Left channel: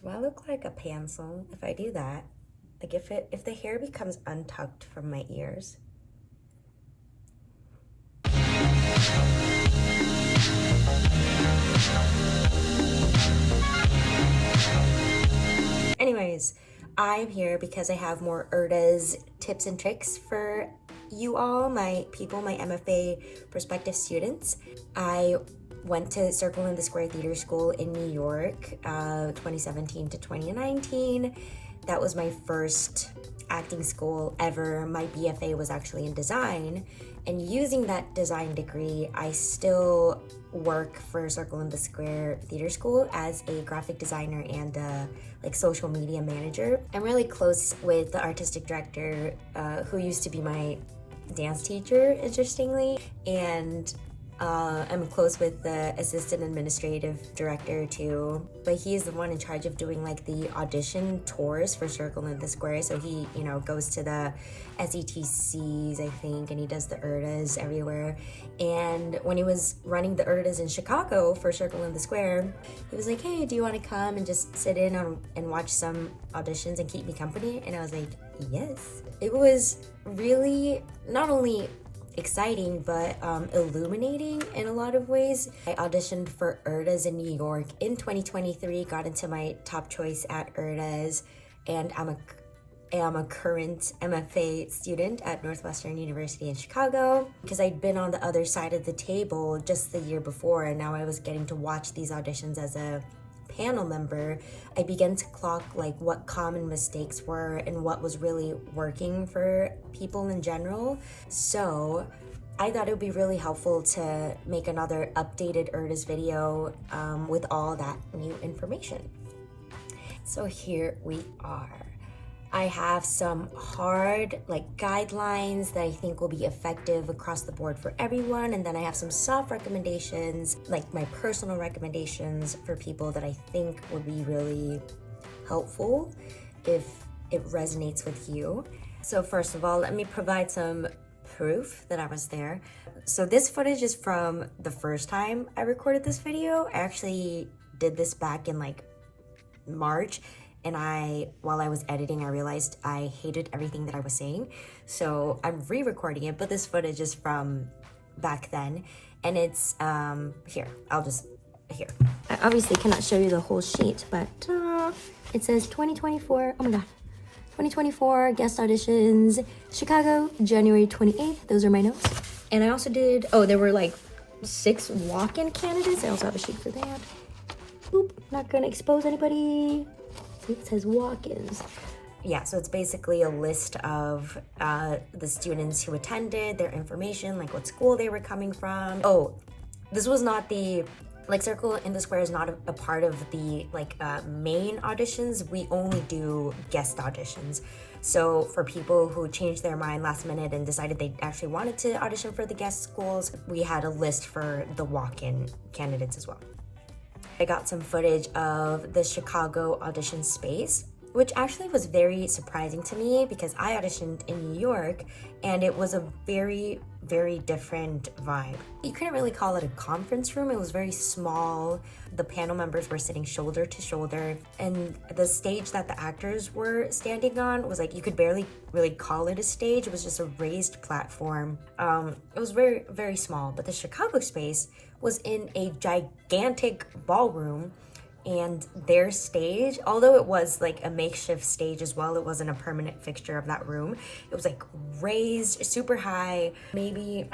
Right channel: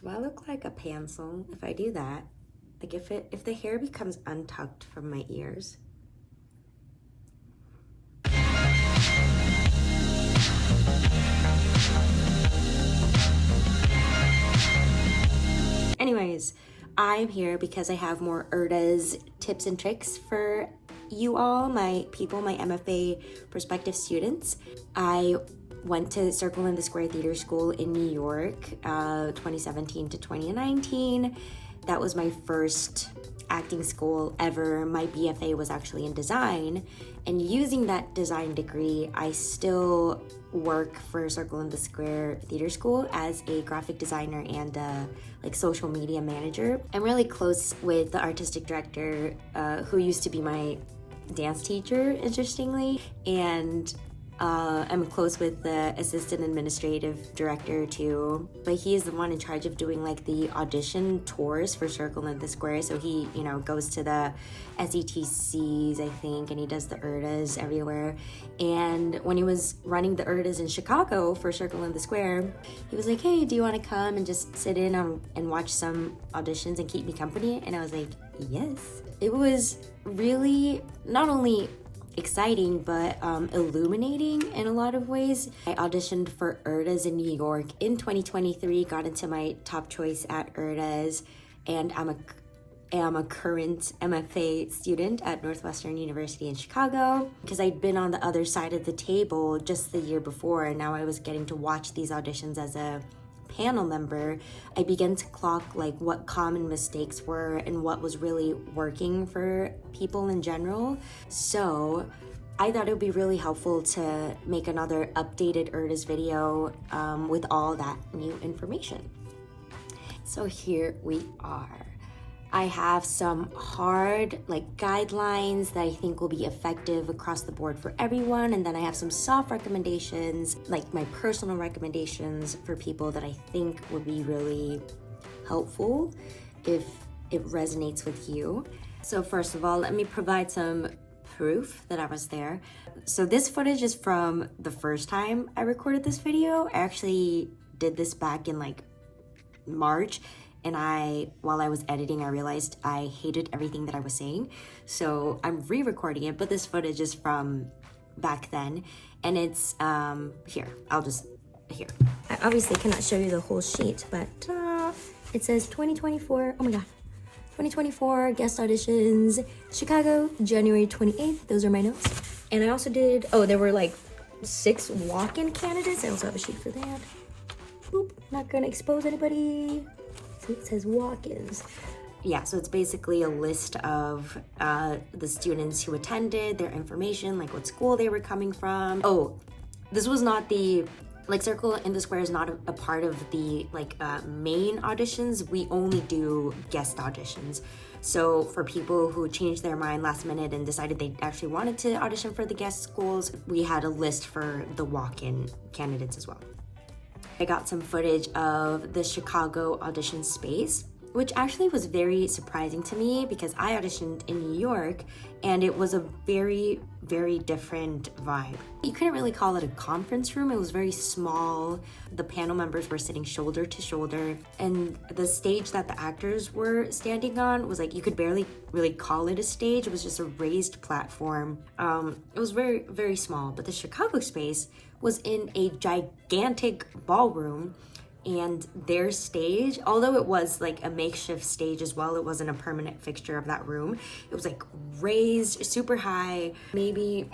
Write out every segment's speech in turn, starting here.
Do I look like a pencil if I do that? Like if the hair becomes untucked from my ears? Anyways, I'm here because I have more URTAs tips and tricks for you all, my people, my MFA prospective students. I went to Circle in the Square Theater School in New York, 2017 to 2019. That was my first acting school ever. My BFA was actually in design, and using that design degree, I still work for Circle in the Square Theater School as a graphic designer and like social media manager. I'm really close with the artistic director who used to be my dance teacher, interestingly, and I'm close with the assistant administrative director too, but he's the one in charge of doing like the audition tours for Circle in the Square. So he, you know, goes to the SETCs, I think, and he does the URTAs everywhere. And when he was running the URTAs in Chicago for Circle in the Square, he was like, hey, do you want to come and just sit in and watch some auditions and keep me company? And I was like, yes. It was really not only exciting but illuminating in a lot of ways. I auditioned for URTAs in New York in 2023, got into my top choice at URTAs, and I'm a current MFA student at Northwestern University in Chicago, because I'd been on the other side of the table just the year before, and now I was getting to watch these auditions as a panel member. I began to clock like what common mistakes were and what was really working for people in general. So I thought it would be really helpful to make another updated URTAs video with all that new information. So here we are. I have some hard guidelines that I think will be effective across the board for everyone, and then I have some soft recommendations, like my personal recommendations for people that I think would be really helpful if it resonates with you. So first of all, let me provide some proof that I was there. So this footage is from the first time I recorded this video. I actually did this back in March, and while I was editing, I realized I hated everything that I was saying. So I'm re-recording it, but this footage is from back then, and it's here. Here. I obviously cannot show you the whole sheet, but it says 2024, oh my God, 2024 guest auditions, Chicago, January 28th. Those are my notes. And I also did, there were 6 walk-in candidates. I also have a sheet for that. Boop, not gonna expose anybody. It says walk-ins. Yeah, so it's basically a list of the students who attended, their information, like what school they were coming from. Oh, this was not the, Circle in the Square is not a part of the main auditions. We only do guest auditions. So for people who changed their mind last minute and decided they actually wanted to audition for the guest schools, we had a list for the walk-in candidates as well. I got some footage of the Chicago audition space, which actually was very surprising to me because I auditioned in New York and it was a very, very different vibe. You couldn't really call it a conference room. It was very small. The panel members were sitting shoulder to shoulder, and the stage that the actors were standing on was you could barely really call it a stage. It was just a raised platform. It was very, very small, but the Chicago space was in a gigantic ballroom, and their stage, although it was a makeshift stage as well, it wasn't a permanent fixture of that room. It was raised super high, maybe,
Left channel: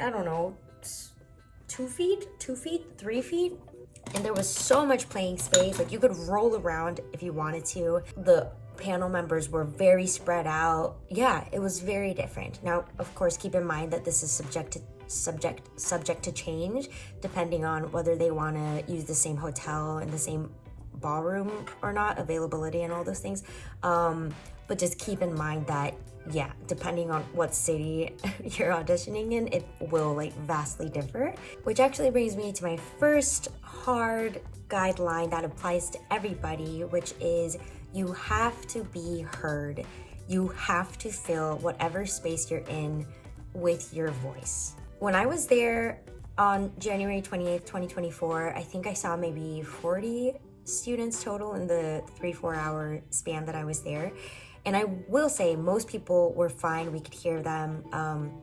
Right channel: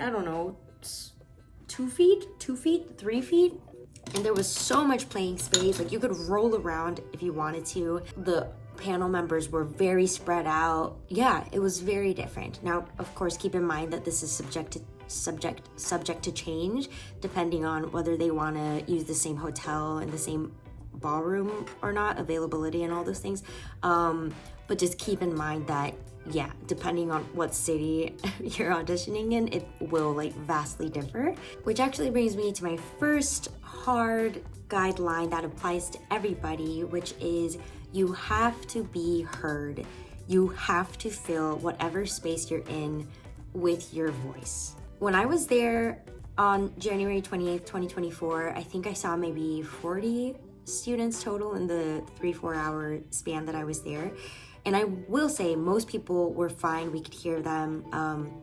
I don't know, 2 feet, 3 feet. And there was so much playing space. You could roll around if you wanted to. The panel members were very spread out. Yeah, it was very different. Now, of course, keep in mind that this is subject to change depending on whether they want to use the same hotel and the same ballroom or not, availability and all those things. But just keep in mind that, yeah, depending on what city you're auditioning in, it will vastly differ. Which actually brings me to my first hard guideline that applies to everybody, which is you have to be heard. You have to fill whatever space you're in with your voice. When I was there on January 28th, 2024, I think I saw maybe 40 students total in the 3-4 hour span that I was there. And I will say most people were fine. We could hear them.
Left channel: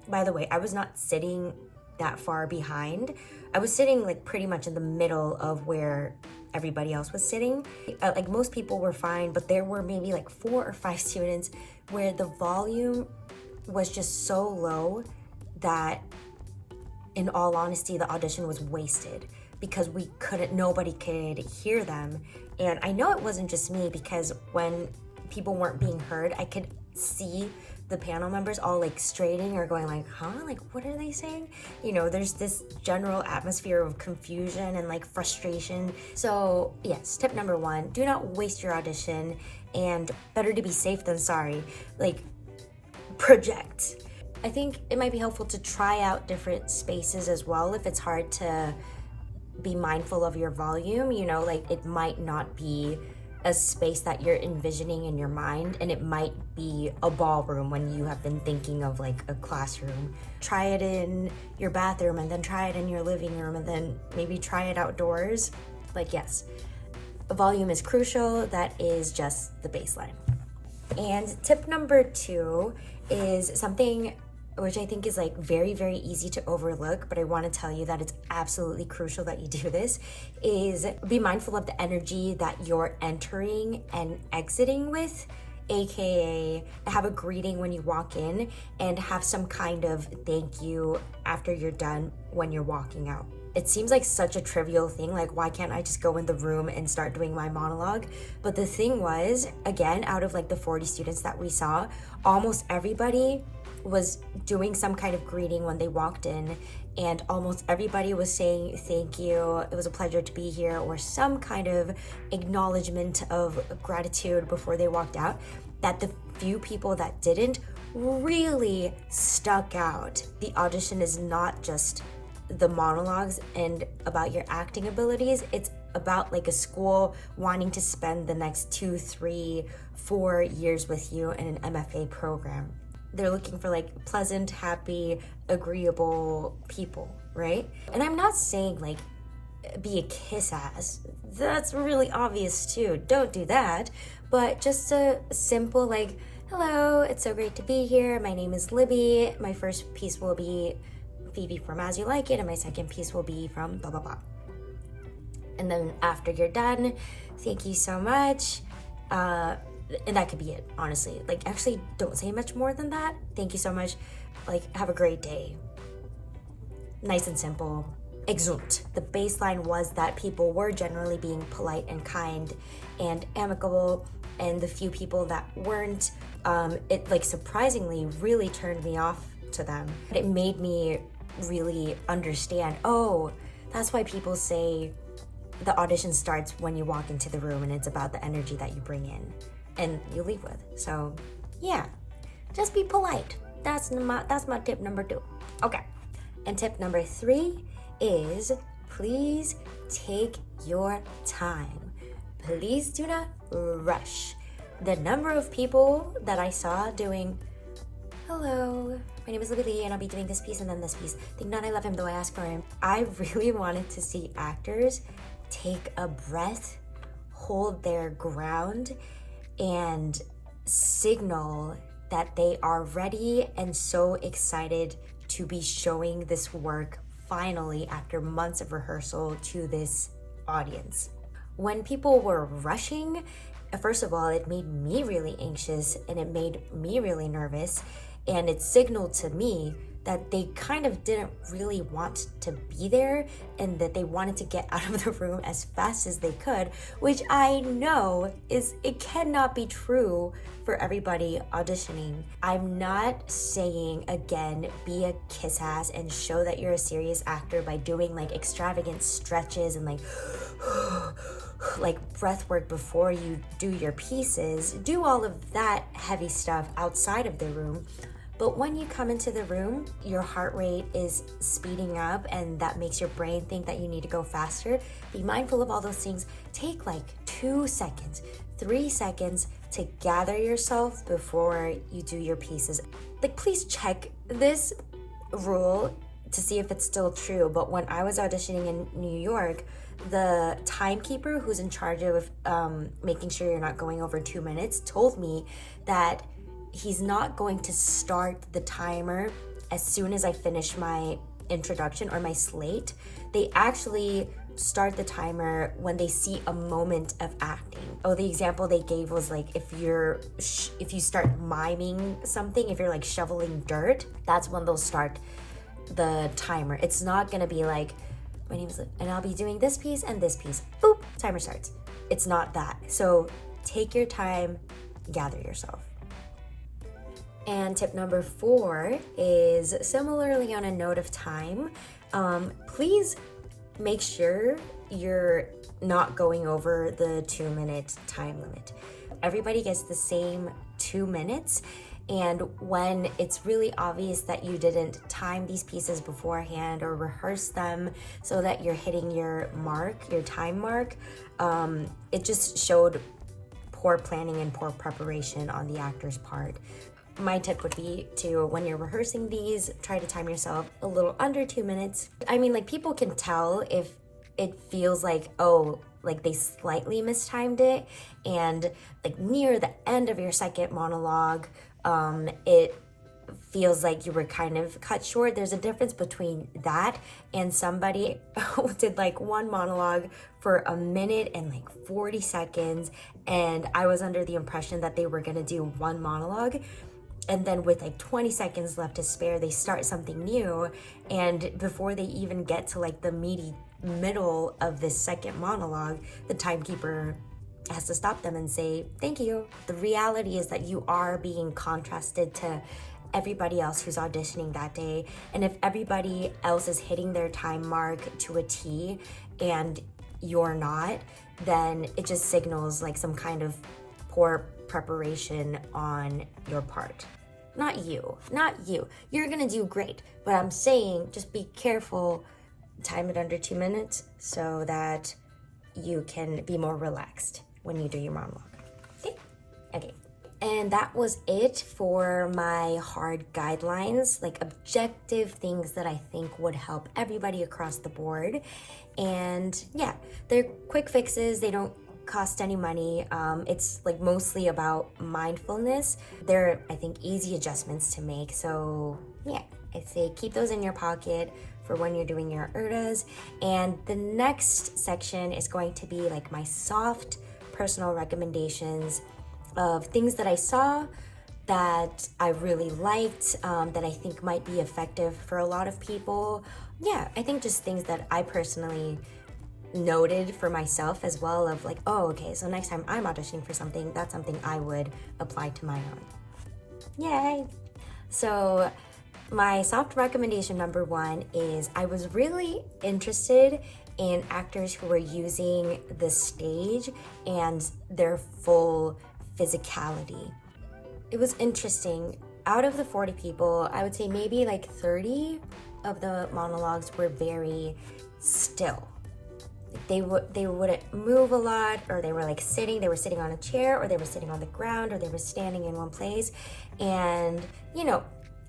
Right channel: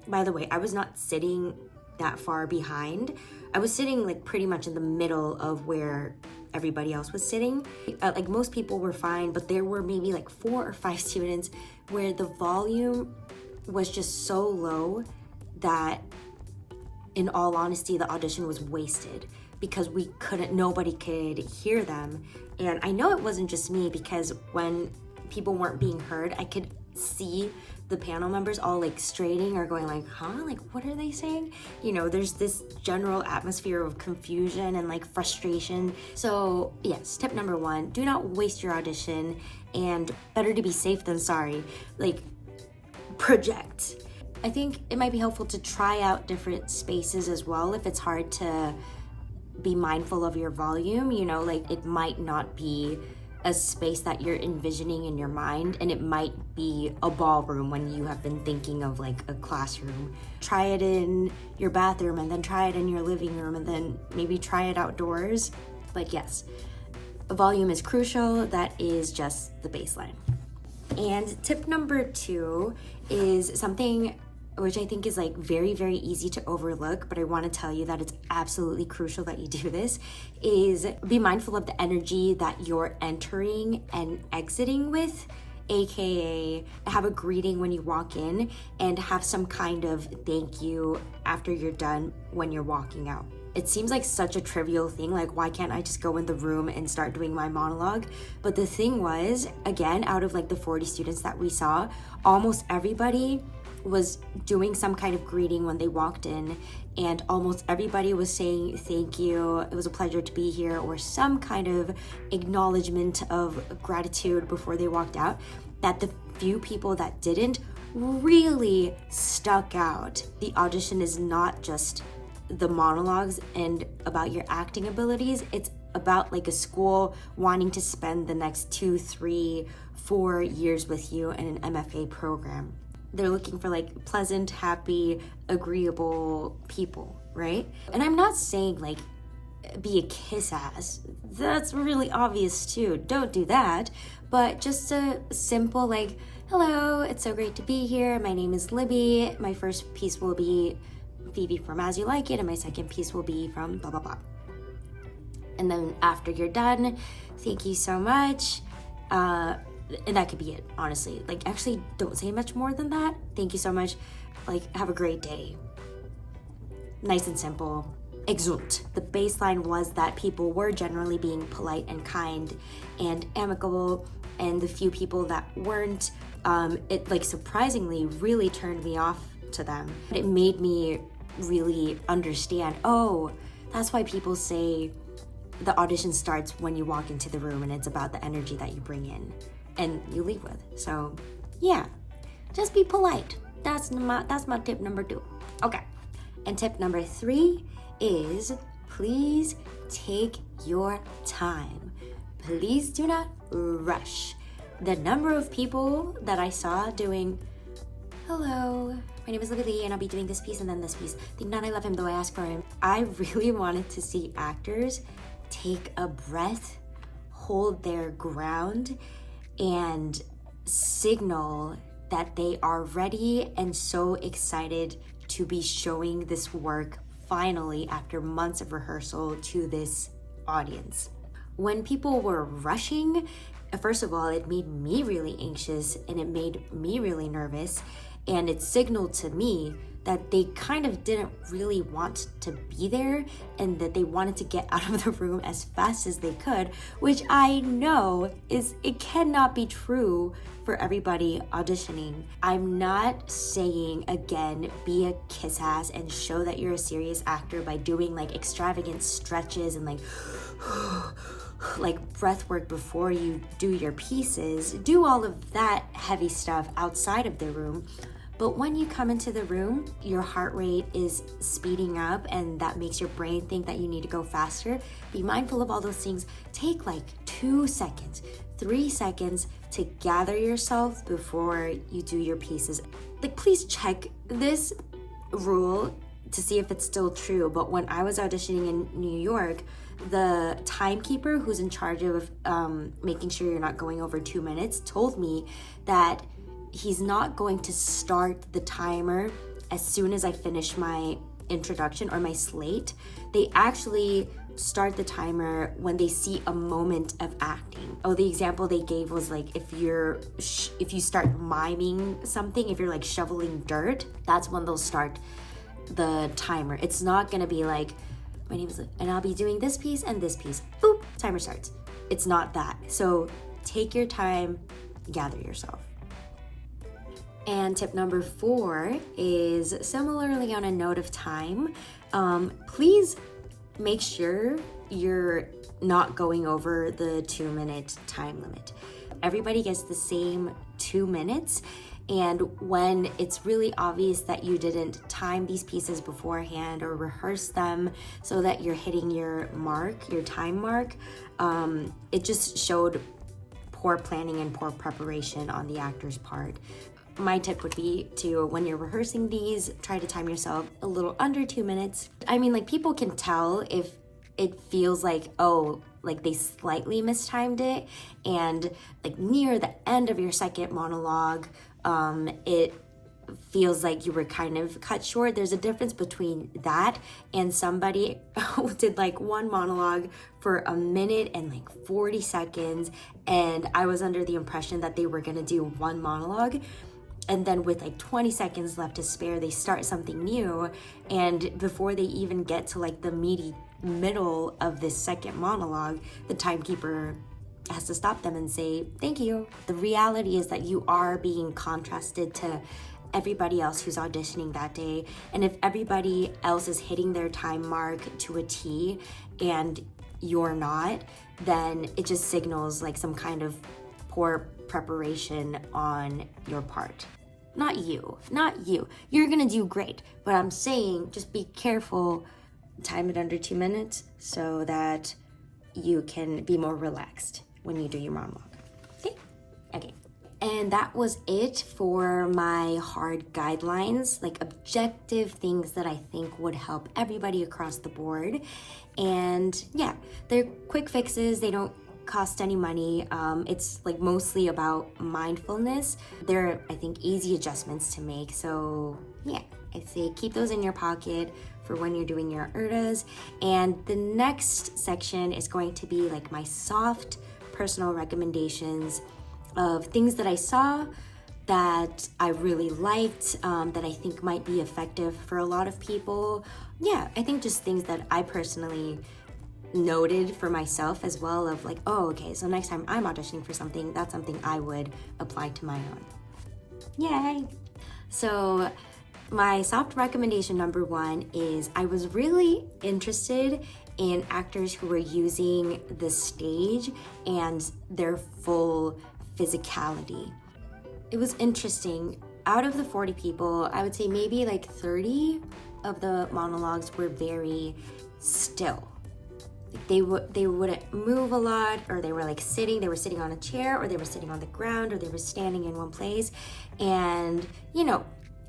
By the way, I was not sitting that far behind. I was sitting like pretty much in the middle of where everybody else was sitting. Like most people were fine, but there were maybe like 4 or 5 students where the volume was just so low that, in all honesty, the audition was wasted because nobody could hear them. And I know it wasn't just me, because when people weren't being heard, I could see the panel members all like straining or going like, huh? Like, what are they saying? You know, there's this general atmosphere of confusion and like frustration. So yes, tip number 1, do not waste your audition, and better to be safe than sorry. Like, project. I think it might be helpful to try out different spaces as well if it's hard to be mindful of your volume. You know, like it might not be a space that you're envisioning in your mind, and it might be a ballroom when you have been thinking of like a classroom. Try it in your bathroom, and then try it in your living room, and then maybe try it outdoors. But yes, volume is crucial. That is just the baseline. And tip number 2 is something which I think is like very, very easy to overlook, but I want to tell you that it's absolutely crucial that you do this, is be mindful of the energy that you're entering and exiting with, aka have a greeting when you walk in and have some kind of thank you after you're done when you're walking out. It seems like such a trivial thing, like why can't I just go in the room and start doing my monologue? But the thing was, again, out of like the 40 students that we saw, almost everybody was doing some kind of greeting when they walked in, and almost everybody was saying thank you, it was a pleasure to be here, or some kind of acknowledgement of gratitude before they walked out. That the few people that didn't really stuck out. The audition is not just the monologues and about your acting abilities. It's about like a school wanting to spend the next 2, 3, 4 years with you in an MFA program. They're looking for like pleasant, happy, agreeable people, right? And I'm not saying like be a kiss ass. That's really obvious too. Don't do that. But just a simple like, hello, it's so great to be here. My name is Libby. My first piece will be Phoebe from As You Like It, and my second piece will be from blah, blah, blah. And then after you're done, thank you so much. And that could be it, honestly. Like, actually, don't say much more than that. Thank you so much. Like, have a great day. Nice and simple. Exult. The baseline was that people were generally being polite and kind and amicable, and the few people that weren't, it like surprisingly really turned me off to them. It made me really understand, oh, that's why people say the audition starts when you walk into the room, and it's about the energy that you bring in and you leave with. So yeah, just be polite. That's my tip number 2. Okay, and tip number 3 is please take your time. Please do not rush. The number of people that I saw doing, hello, my name is Libby and I'll be doing this piece and then this piece. Think not I love him though I ask for him. I really wanted to see actors take a breath, hold their ground, and signal that they are ready and so excited to be showing this work finally after months of rehearsal to this audience. When people were rushing, first of all, it made me really anxious and it made me really nervous, and it signaled to me that they kind of didn't really want to be there and that they wanted to get out of the room as fast as they could, which I know it cannot be true for everybody auditioning. I'm not saying, again, be a kiss ass and show that you're a serious actor by doing like extravagant stretches and like breath work before you do your pieces. Do all of that heavy stuff outside of the room. But when you come into the room, your heart rate is speeding up and that makes your brain think that you need to go faster. Be mindful of all those things. Take like 2 seconds, 3 seconds to gather yourself before you do your pieces. Like, please check this rule to see if it's still true. But when I was auditioning in New York, the timekeeper who's in charge of making sure you're not going over 2 minutes told me that he's not going to start the timer as soon as I finish my introduction or my slate. They actually start the timer when they see a moment of acting. Oh, the example they gave was like if you start miming something, if you're like shoveling dirt, that's when they'll start the timer. It's not gonna be like, my name is, and I'll be doing this piece and this piece. Boop, timer starts. It's not that. So take your time, gather yourself. And tip number 4 is similarly on a note of time. Please make sure you're not going over the 2-minute time limit. Everybody gets the same 2 minutes. And when it's really obvious that you didn't time these pieces beforehand or rehearse them so that you're hitting your mark, your time mark, it just showed poor planning and poor preparation on the actor's part. My tip would be to, when you're rehearsing these, try to time yourself a little under 2 minutes. I mean, like, people can tell if it feels like, oh, like they slightly mistimed it, and like near the end of your second monologue, it feels like you were kind of cut short. There's a difference between that and somebody who did like one monologue for 1 minute and like 40 seconds, and I was under the impression that they were gonna do one monologue, and then with like 20 seconds left to spare, they start something new, and before they even get to like the meaty middle of this second monologue, the timekeeper has to stop them and say, thank you. The reality is that you are being contrasted to everybody else who's auditioning that day. And if everybody else is hitting their time mark to a T and you're not, then it just signals like some kind of poor preparation on your part. Not you. You're gonna do great. But I'm saying, just be careful, time it under 2 minutes so that you can be more relaxed when you do your monologue. Okay. And that was it for my hard guidelines, like objective things that I think would help everybody across the board. And yeah, they're quick fixes. They don't cost any money. It's like mostly about mindfulness. They're, I think, easy adjustments to make. So yeah, I'd say keep those in your pocket for when you're doing your URTAs. And the next section is going to be like my soft personal recommendations of things that I saw that I really liked, that I think might be effective for a lot of people. Yeah, I think just things that I personally noted for myself as well, of like, oh, okay, so next time I'm auditioning for something, that's something I would apply to my own. Yay! So my soft recommendation number 1 is, I was really interested in actors who were using the stage and their full physicality. It was interesting. Out of the 40 people, I would say maybe like 30 of the monologues were very still. They wouldn't move a lot, or they were like sitting on a chair, or they were sitting on the ground, or they were standing in one place. And you know,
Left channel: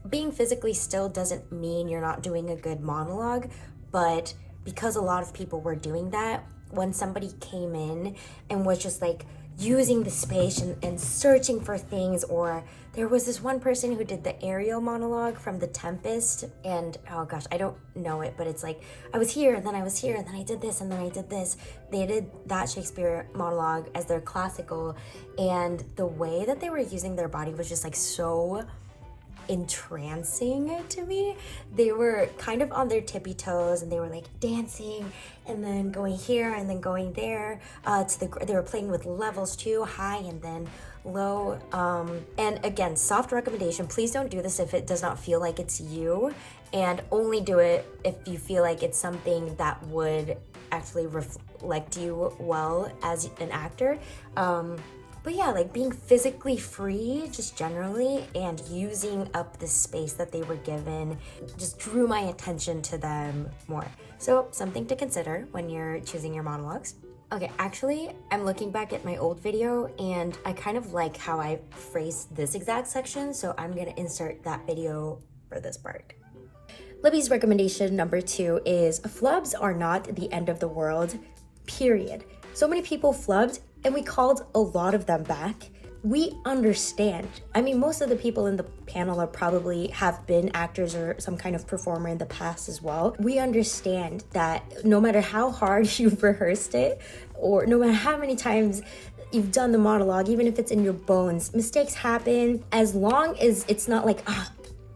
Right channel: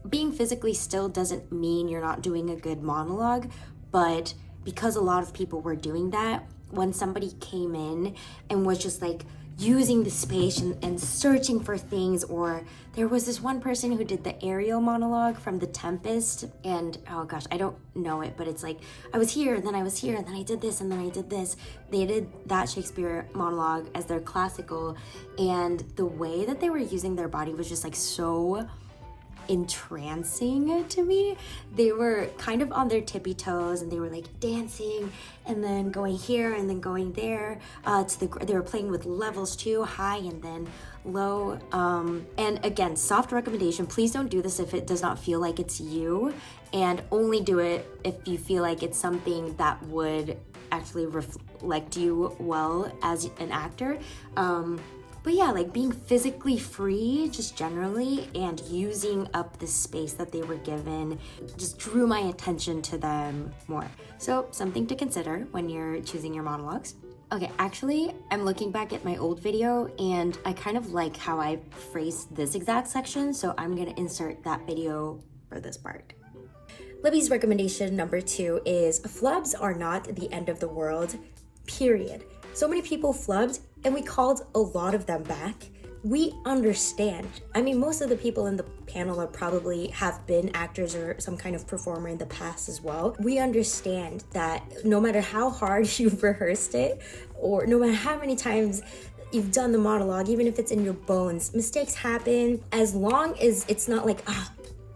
being physically still doesn't mean you're not doing a good monologue, but because a lot of people were doing that, when somebody came in and was just like using the space and searching for things, or there was this one person who did the Ariel monologue from The Tempest, and oh gosh, I don't know it, but it's like, I was here, and then I was here, and then I did this, and then I did this. They did that Shakespeare monologue as their classical, and the way that they were using their body was just like so entrancing to me. They were kind of on their tippy toes, and they were like dancing and then going here and then going there. They were playing with levels too, high and then low. And again, soft recommendation, please don't do this if it does not feel like it's you, and only do it if you feel like it's something that would actually reflect you well as an actor. But yeah, like being physically free just generally and using up the space that they were given just drew my attention to them more. So something to consider when you're choosing your monologues. Okay, actually, I'm looking back at my old video and I kind of like how I phrased this exact section, so I'm gonna insert that video for this part. Libby's recommendation number 2 is flubs are not the end of the world. period. So many people flubbed and we called a lot of them back. We understand. I mean, most of the people in the panel are probably have been actors or some kind of performer in the past as well. We understand that no matter how hard you've rehearsed it, or no matter how many times you've done the monologue, even if it's in your bones, mistakes happen. As long as it's not like,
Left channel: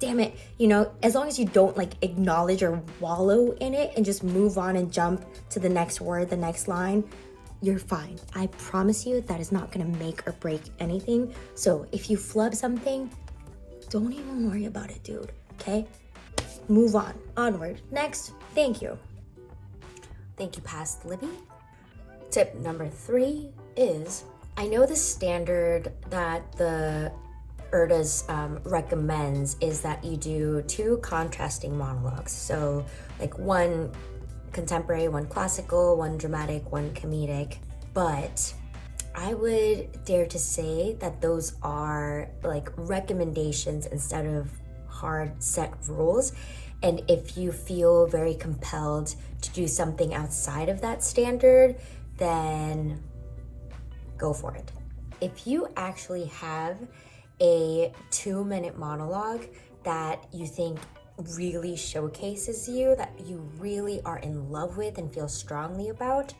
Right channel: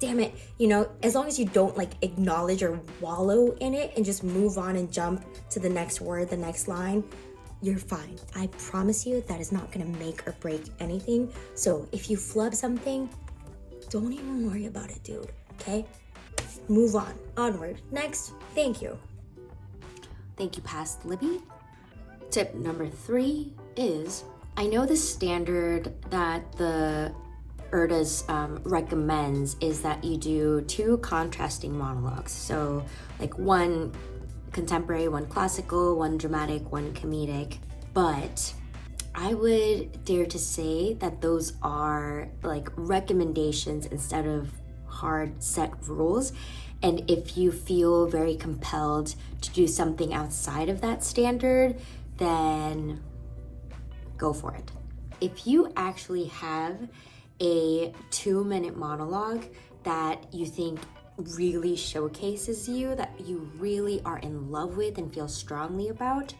damn it, you know, as long as you don't like acknowledge or wallow in it and just move on and jump to the next word, the next line, you're fine. I promise you that is not gonna make or break anything. So if you flub something, don't even worry about it, dude, okay? Move on, onward, next, thank you. Thank you, Past Libby. Tip number 3 is, I know the standard that the URTAs recommends is that you do 2 contrasting monologues. So like 1 contemporary, 1 classical, 1 dramatic, 1 comedic. But I would dare to say that those are like recommendations instead of hard set rules. And if you feel very compelled to do something outside of that standard, then go for it. If you actually have a 2-minute monologue that you think really showcases you, that you really are in love with and feel strongly about,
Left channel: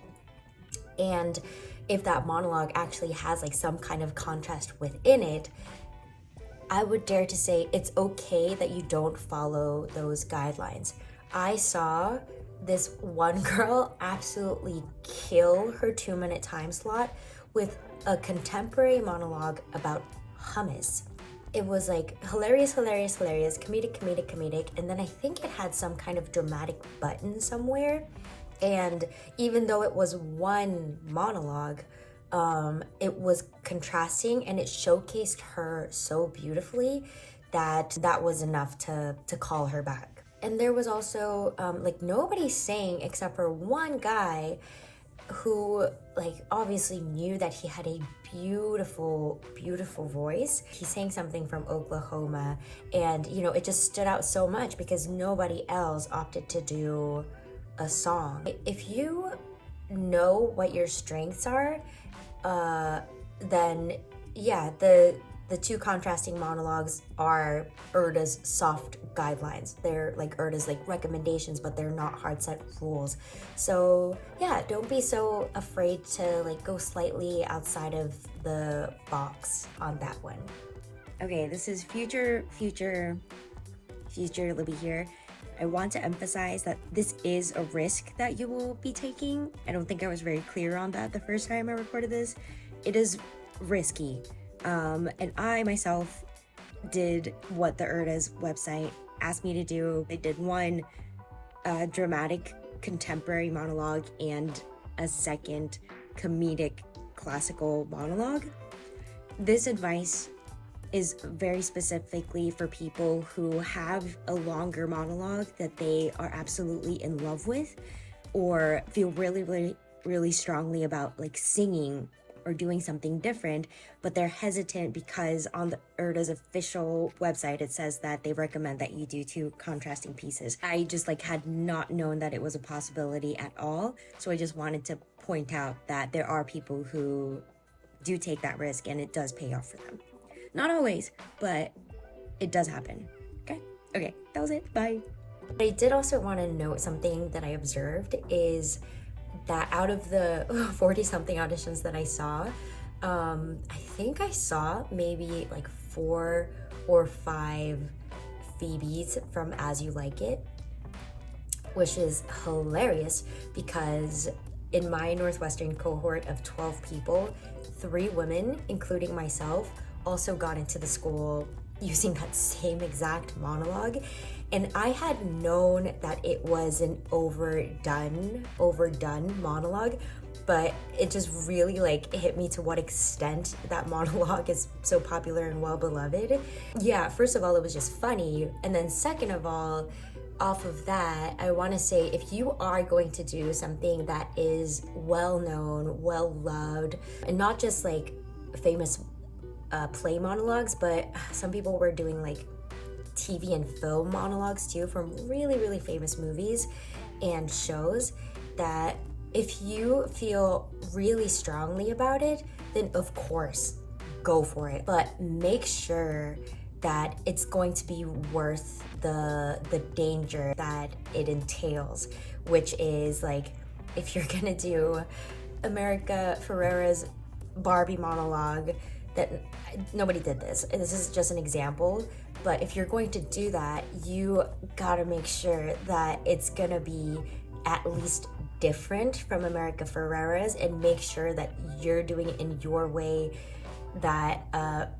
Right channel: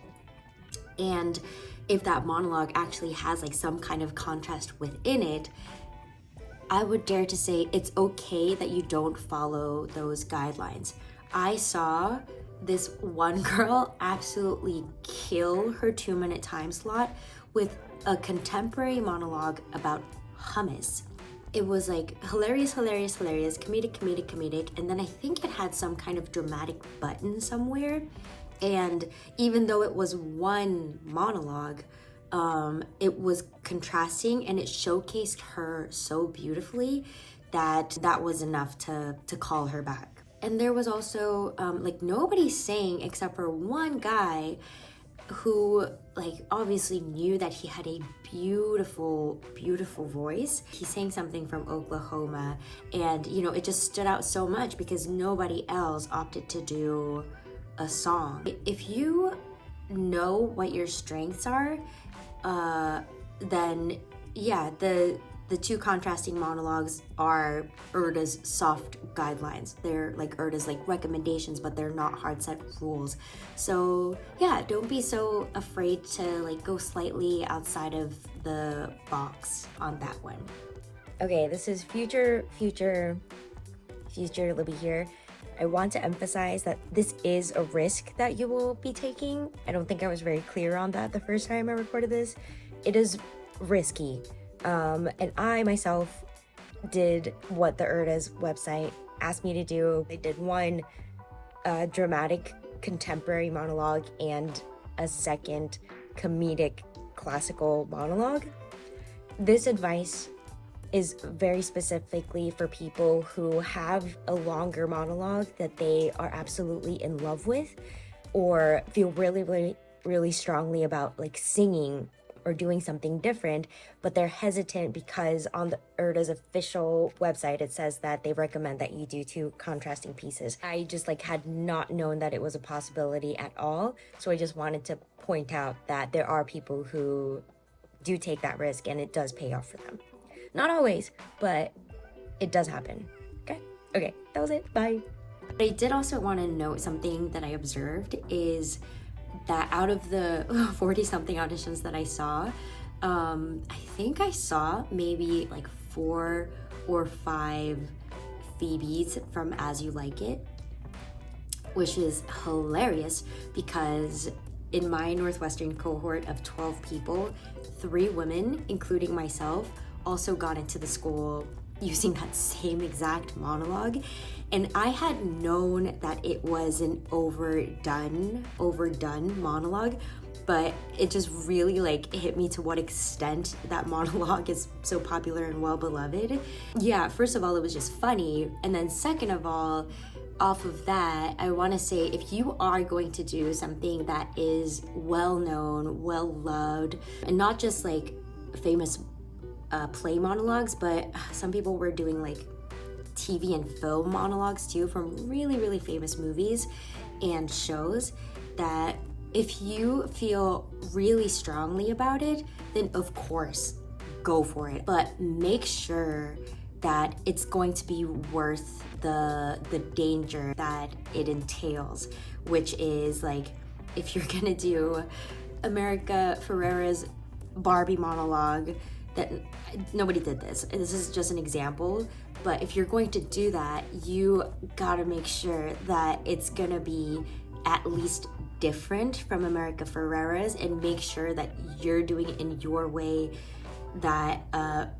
and if that monologue actually has like some kind of contrast within it, I would dare to say it's okay that you don't follow those guidelines. I saw this one girl absolutely kill her 2-minute time slot with a contemporary monologue about hummus. It was like hilarious, comedic, and then I think it had some kind of dramatic button somewhere. And even though it was 1 monologue, it was contrasting and it showcased her so beautifully that was enough to call her back. And there was also like nobody sang except for one guy who like obviously knew that he had a beautiful voice. He sang something from Oklahoma, and you know, it just stood out so much because nobody else opted to do a song. If you know what your strengths are, then yeah, the 2 contrasting monologues are URTA's soft guidelines. They're like URTA's like recommendations, but they're not hard set rules. So yeah, don't be so afraid to like go slightly outside of the box on that one. Okay, this is future Libby here. I want to emphasize that this is a risk that you will be taking. I don't think I was very clear on that the first time I recorded this. It is risky. And I myself did what the URTA's website asked me to do. I did 1 dramatic contemporary monologue and a 2nd comedic classical monologue. This advice is very specifically for people who have a longer monologue that they are absolutely in love with, or feel really strongly about like singing or doing something different, but they're hesitant because on the URTA's official website, it says that they recommend that you do 2 contrasting pieces. I just like had not known that it was a possibility at all. So I just wanted to point out that there are people who do take that risk and it does pay off for them. Not always, but it does happen. Okay, that was it, bye. I did also want to note something that I observed is that out of the 40-something auditions that I saw, I think I saw maybe like 4 or 5 Phoebes from As You Like It, which is hilarious because in my Northwestern cohort of 12 people, 3 women, including myself, also got into the school using that same exact monologue. And I had known that it was an overdone monologue, but it just really like hit me to what extent that monologue is so popular and well beloved. Yeah, first of all, it was just funny. And then second of all, off of that, I want to say if you are going to do something that is well known, well loved, and not just like famous play monologues, but some people were doing like TV and film monologues too from really famous movies and shows, that If you feel really strongly about it, then of course, go for it. But make sure that it's going to be worth the danger that it entails, which is like, if you're gonna do America Ferrera's Barbie monologue, that nobody did this. This is just an example, but if you're going to do that, you gotta make sure that it's gonna be at least different from America Ferrera's, and make sure that you're doing it in your way that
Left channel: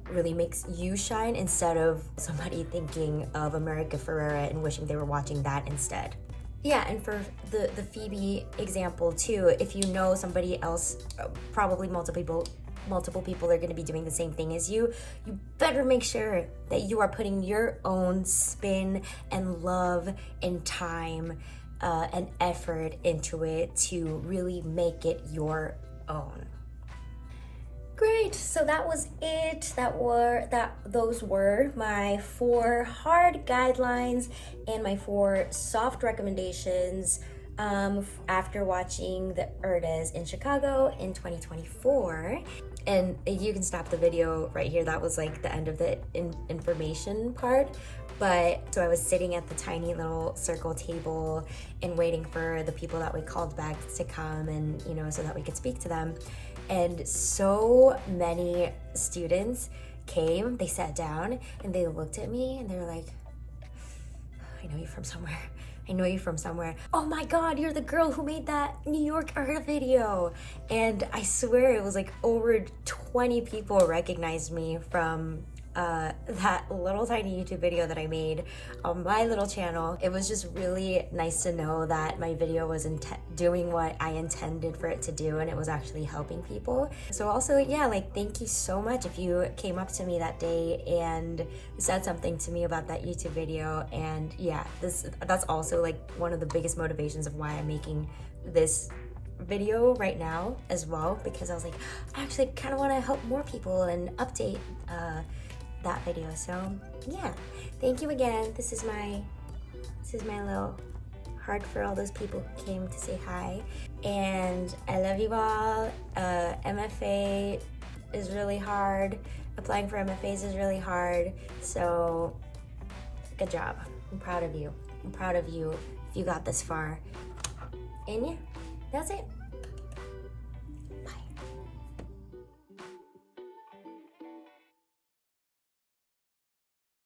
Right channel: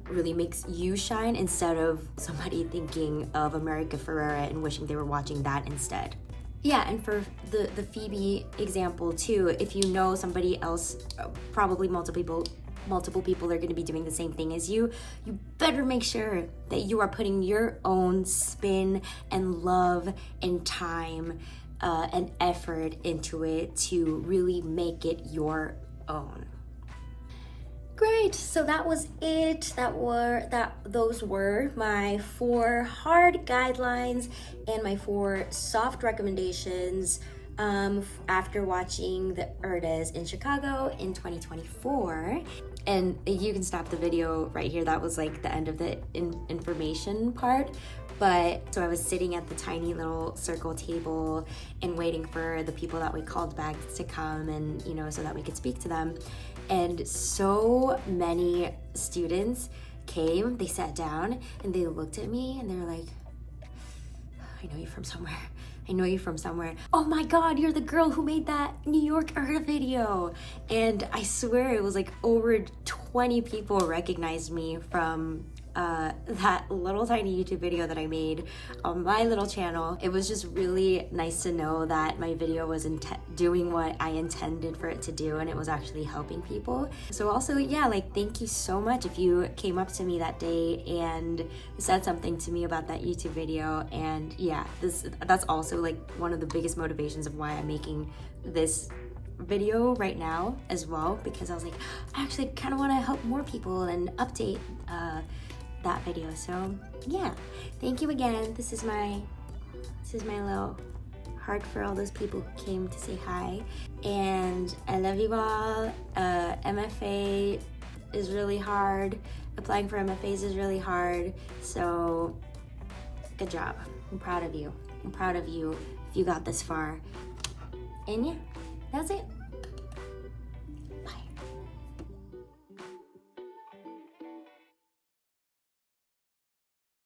really makes you shine, instead of somebody thinking of America Ferrera and wishing they were watching that instead. Yeah, and for the Phoebe example too, if you know somebody else, probably multiple people are going to be doing the same thing as you, you better make sure that you are putting your own spin and love and time and effort into it to really make it your own. Great, so that was it. Those were my 4 hard guidelines and my 4 soft recommendations after watching the URTAs in Chicago in 2024. And you can stop the video right here. That was like the end of the information part. But so I was sitting at the tiny little circle table and waiting for the people that we called back to come, and so that we could speak to them. And so many students came, they sat down and they looked at me and they were like, I know you from somewhere. I know you from somewhere. Oh my God, you're the girl who made that New York URTA video. And I swear it was like over 20 people recognized me from that little tiny YouTube video that I made on my little channel. It was just really nice to know that my video was doing what I intended for it to do, and it was actually helping people. So also, yeah, like, thank you so much if you came up to me that day and said something to me about that YouTube video. And yeah, that's also like one of the biggest motivations of why I'm making this video right now as well, because I was like, I actually kind of want to help more people and update that video. So yeah, thank you again. This is my little heart for all those people who came to say hi, and I love you all. MFA is really hard. Applying for MFAs is really hard, so good job. I'm proud of you. I'm proud of you if you got this far. And yeah, that's it.